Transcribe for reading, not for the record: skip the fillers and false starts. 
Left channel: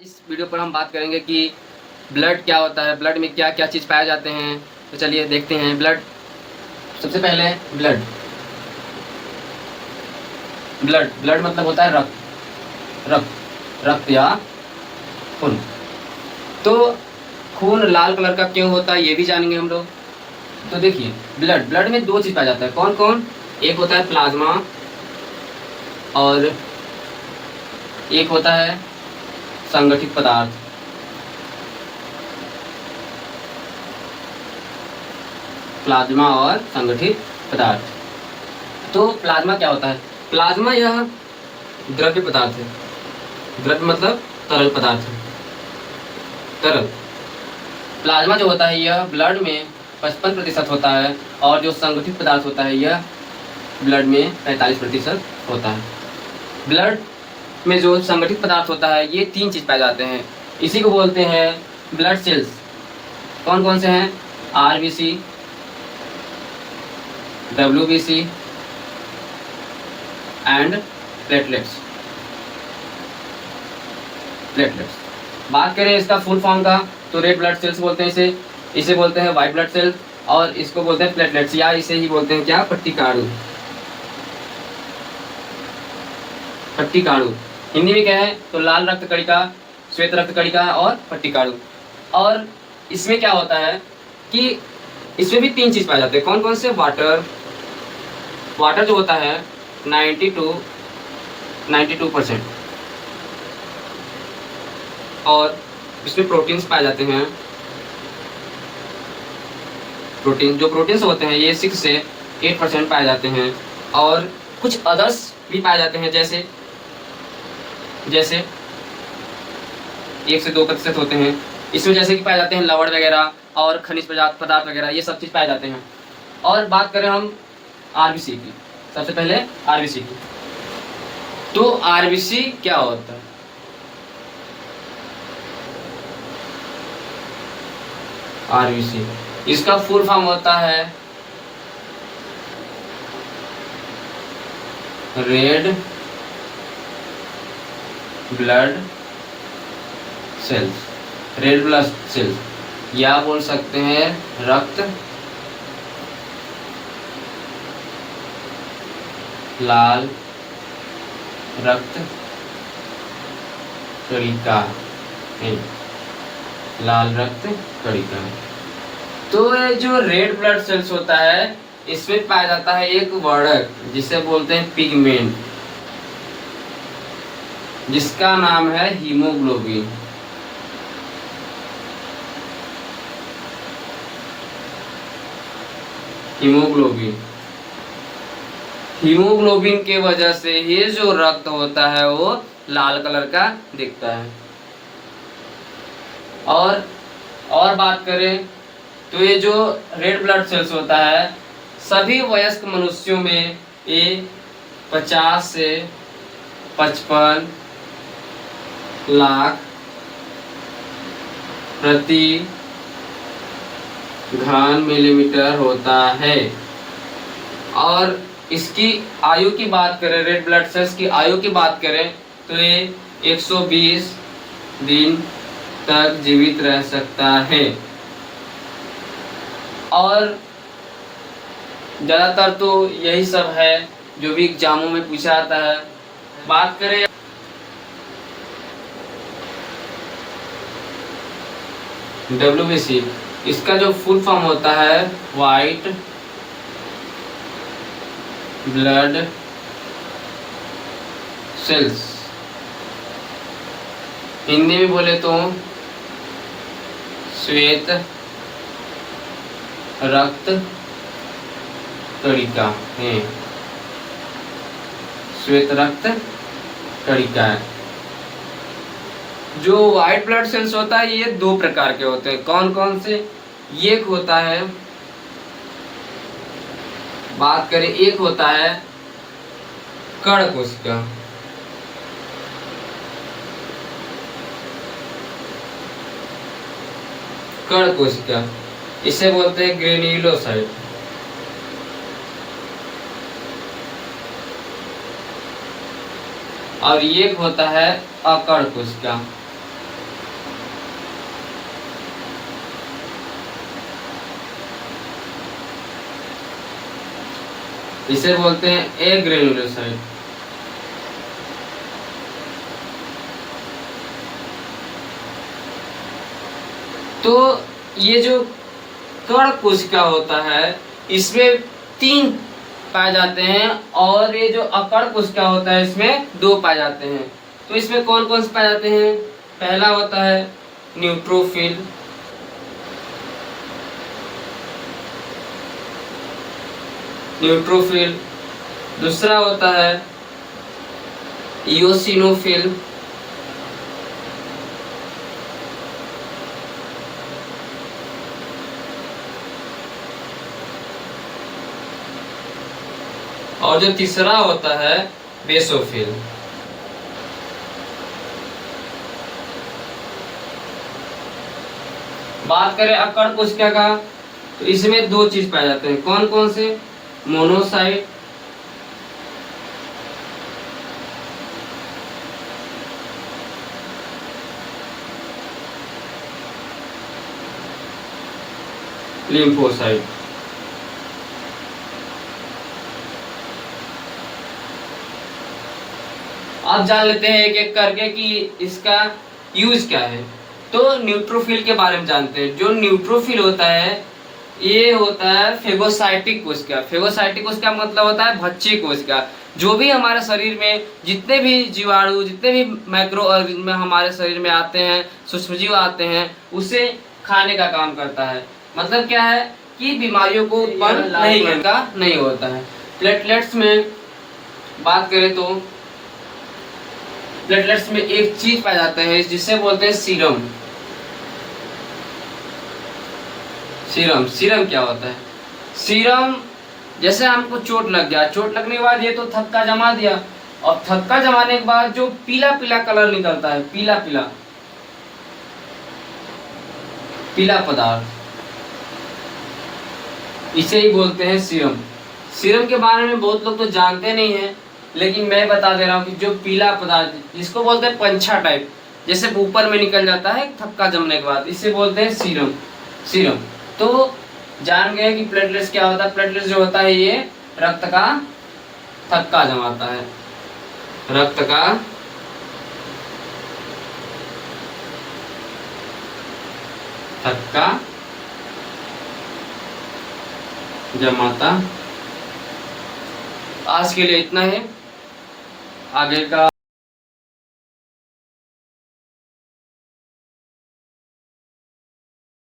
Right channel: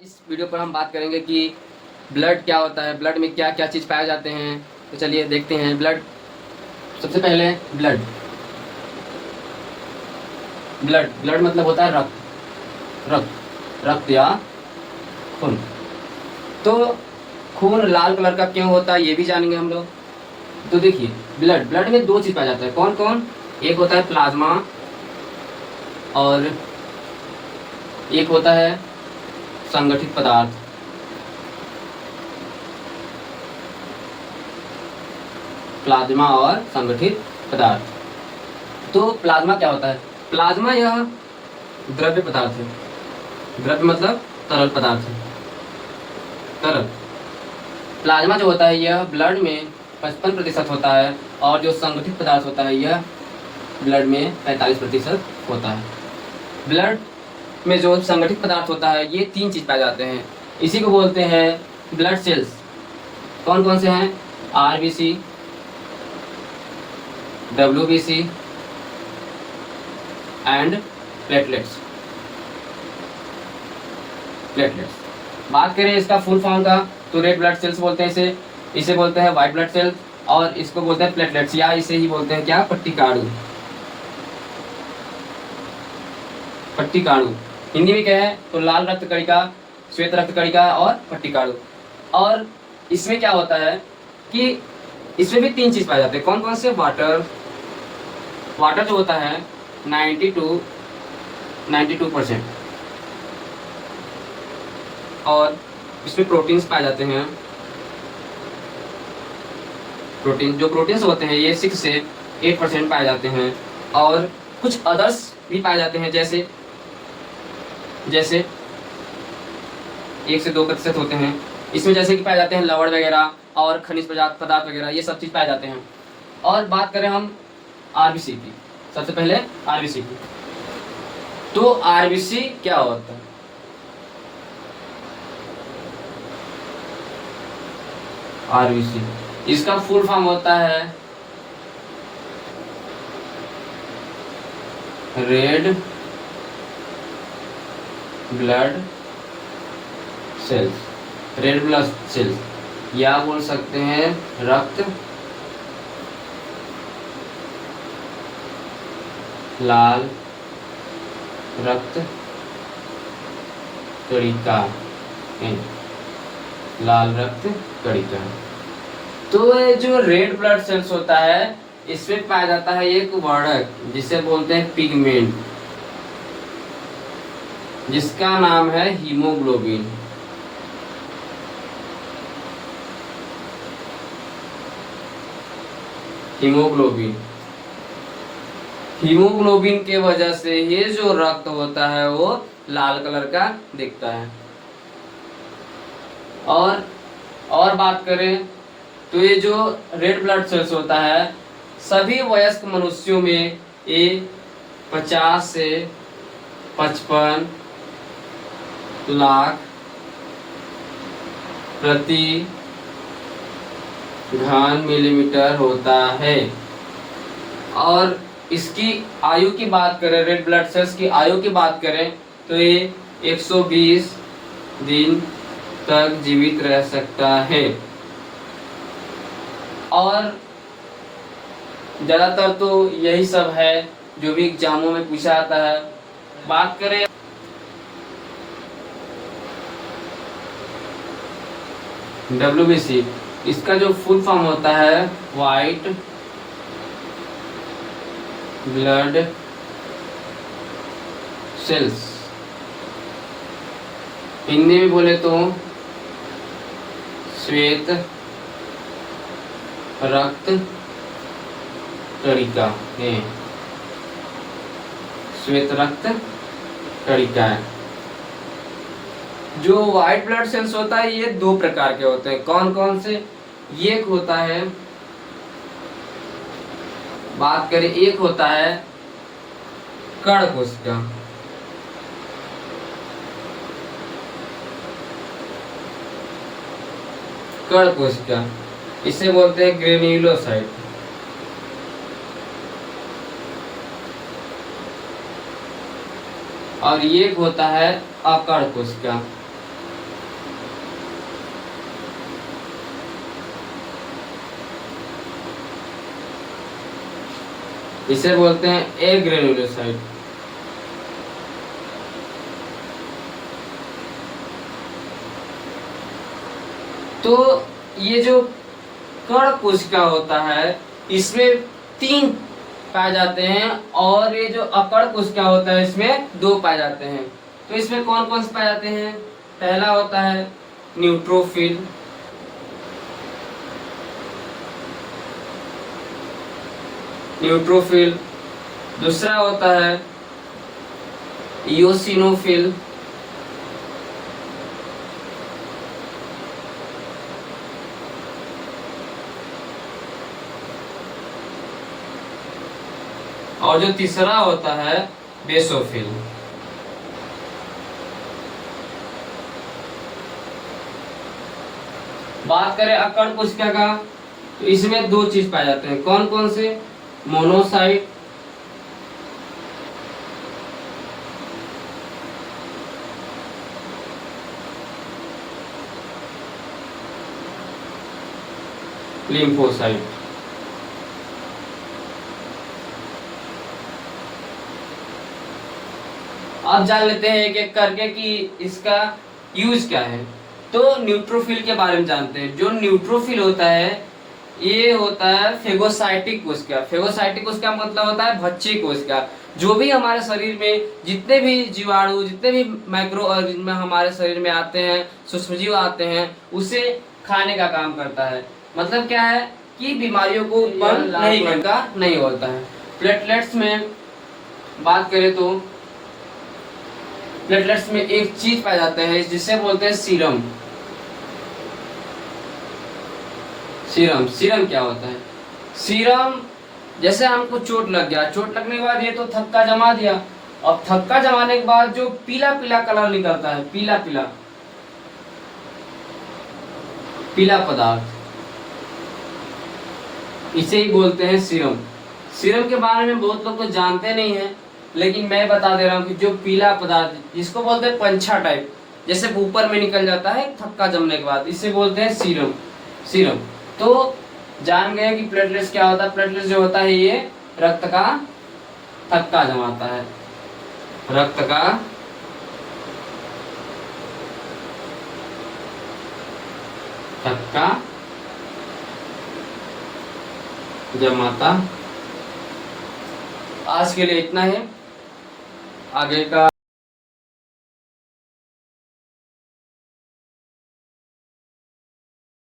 इस वीडियो पर हम बात करेंगे कि ब्लड क्या होता है, ब्लड में क्या क्या चीज़ पाए जाते हैं। तो चलिए देखते हैं। ब्लड, सबसे पहले ब्लड ब्लड ब्लड मतलब होता है रक्त। रक्त या खून। तो खून लाल कलर का क्यों होता है ये भी जानेंगे हम लोग। तो देखिए, ब्लड ब्लड में दो चीज़ पाया जाता है। कौन कौन? एक होता है प्लाज्मा और एक होता है संगठित पदार्थ। प्लाज्मा और संगठित पदार्थ। तो प्लाज्मा क्या होता है? प्लाज्मा यह द्रव्य पदार्थ है। द्रव्य मतलब तरल पदार्थ है। तरल प्लाज्मा जो होता है यह ब्लड में 55% होता है और जो संगठित पदार्थ होता है यह ब्लड में 45% होता है। ब्लड में जो संगठित पदार्थ होता है ये तीन चीज पाए जाते हैं। इसी को बोलते हैं ब्लड सेल्स। कौन कौन से हैं? RBC, WBC and platelets. बात करें इसका फुल फॉर्म का तो रेड ब्लड सेल्स बोलते हैं इसे बोलते हैं व्हाइट ब्लड सेल्स और इसको बोलते हैं प्लेटलेट्स या इसे ही बोलते हैं क्या? पट्टिकाणु। पट्टिकाणु हिंदी में क्या है? तो लाल रक्त कणिका, श्वेत रक्त कणिका और पट्टिकाणु। और इसमें क्या होता है कि इसमें भी तीन चीज पाए जाते हैं। कौन कौन से? वाटर जो होता है 92% और इसमें प्रोटीन्स पाए जाते हैं। प्रोटीन्स होते हैं ये 6 से 8% पाए जाते हैं और कुछ अदर्स भी पाए जाते हैं जैसे 1 से 2% होते हैं। इसमें जैसे कि पाए जाते हैं लवण वगैरह और खनिज पदार्थ वगैरह, ये सब चीज पाए जाते हैं। और बात करें हम आरबीसी की, सबसे पहले आरबीसी की। तो आरबीसी क्या होता है? आरबीसी इसका फुल फॉर्म होता है red blood cells. Red blood cells या बोल सकते हैं रक्त लाल रक्त कणिका है। लाल रक्त कणिका। तो ये जो रेड ब्लड सेल्स होता है इसमें पाया जाता है एक वर्णक जिसे बोलते हैं पिगमेंट, जिसका नाम है हीमोग्लोबिन। हीमोग्लोबिन के वजह से ये जो रक्त होता है वो लाल कलर का दिखता है। और बात करें तो ये जो रेड ब्लड सेल्स होता है सभी वयस्क मनुष्यों में ये 50 से 55 लाख प्रति घन मिलीमीटर होता है। और इसकी आयु की बात करें, रेड ब्लड सेल्स की आयु की बात करें तो ये 120 दिन तक जीवित रह सकता है। और ज्यादातर तो यही सब है जो भी एग्जामों में पूछा जाता है। बात करें डब्ल्यूबीसी, इसका जो फुल फॉर्म होता है व्हाइट ब्लड सेल्स। हिंदी में बोले तो श्वेत रक्त कणिका है। श्वेत रक्त कणिका है। जो व्हाइट ब्लड सेल्स होता है ये दो प्रकार के होते हैं। कौन कौन से? एक होता है, बात करें, एक होता है कण कोशिका। कण कोशिका इसे बोलते हैं ग्रेन्युलोसाइट। और एक होता है अकण कोशिका। इसे बोलते हैं एग्रेनुलोसाइट। तो ये जो कण कोशिका होता है इसमें 3 पाए जाते हैं, और ये जो अकड़ कोशिका होता है इसमें 2 पाए जाते हैं। तो इसमें कौन कौन से पाए जाते हैं? पहला होता है न्यूट्रोफिल, न्यूट्रोफिल। दूसरा होता है इओसिनोफिल, और जो तीसरा होता है बेसोफिल। बात करें अकड़ कोशिका का, तो इसमें 2 चीज पाए जाते हैं। कौन कौन से? Monocyte lymphocyte. अब जान लेते हैं एक एक करके कि इसका यूज क्या है। तो न्यूट्रोफिल के बारे में जानते हैं। जो न्यूट्रोफिल होता है ये होता है फेगोसाइटिक कोशिका। फेगोसाइटिक कोशिका मतलब होता है भक्षी कोशिका। जो भी हमारे शरीर में जितने भी जीवाणु, जितने भी माइक्रो ऑर्गेनिज्म हमारे शरीर में आते हैं, सूक्ष्मजीव आते हैं, उसे खाने का काम करता है। मतलब क्या है कि बीमारियों को उत्पन्न नहीं करता, नहीं होता है। प्लेटलेट्स में बात करें तो प्लेटलेट्स में एक चीज पाया जाता है जिसे बोलते हैं सीरम। सीरम, सीरम क्या होता है? सीरम जैसे हमको चोट लग गया, चोट लगने के बाद ये तो थक्का जमा दिया, और थक्का जमाने के बाद जो पीला पीला कलर निकलता है, पीला पीला पीला पदार्थ, इसे ही बोलते हैं सीरम। सीरम के बारे में बहुत लोग तो जानते नहीं है, लेकिन मैं बता दे रहा हूँ कि जो पीला पदार्थ जिसको बोलते हैं पंछा टाइप, जैसे ऊपर में निकल जाता है थक्का जमने के बाद, इसे बोलते हैं सीरम। सीरम। तो जान गए कि प्लेटलेट्स क्या होता है। प्लेटलेट्स जो होता है ये रक्त का थक्का जमाता है, रक्त का थक्का जमाता। आज के लिए इतना है, आगे का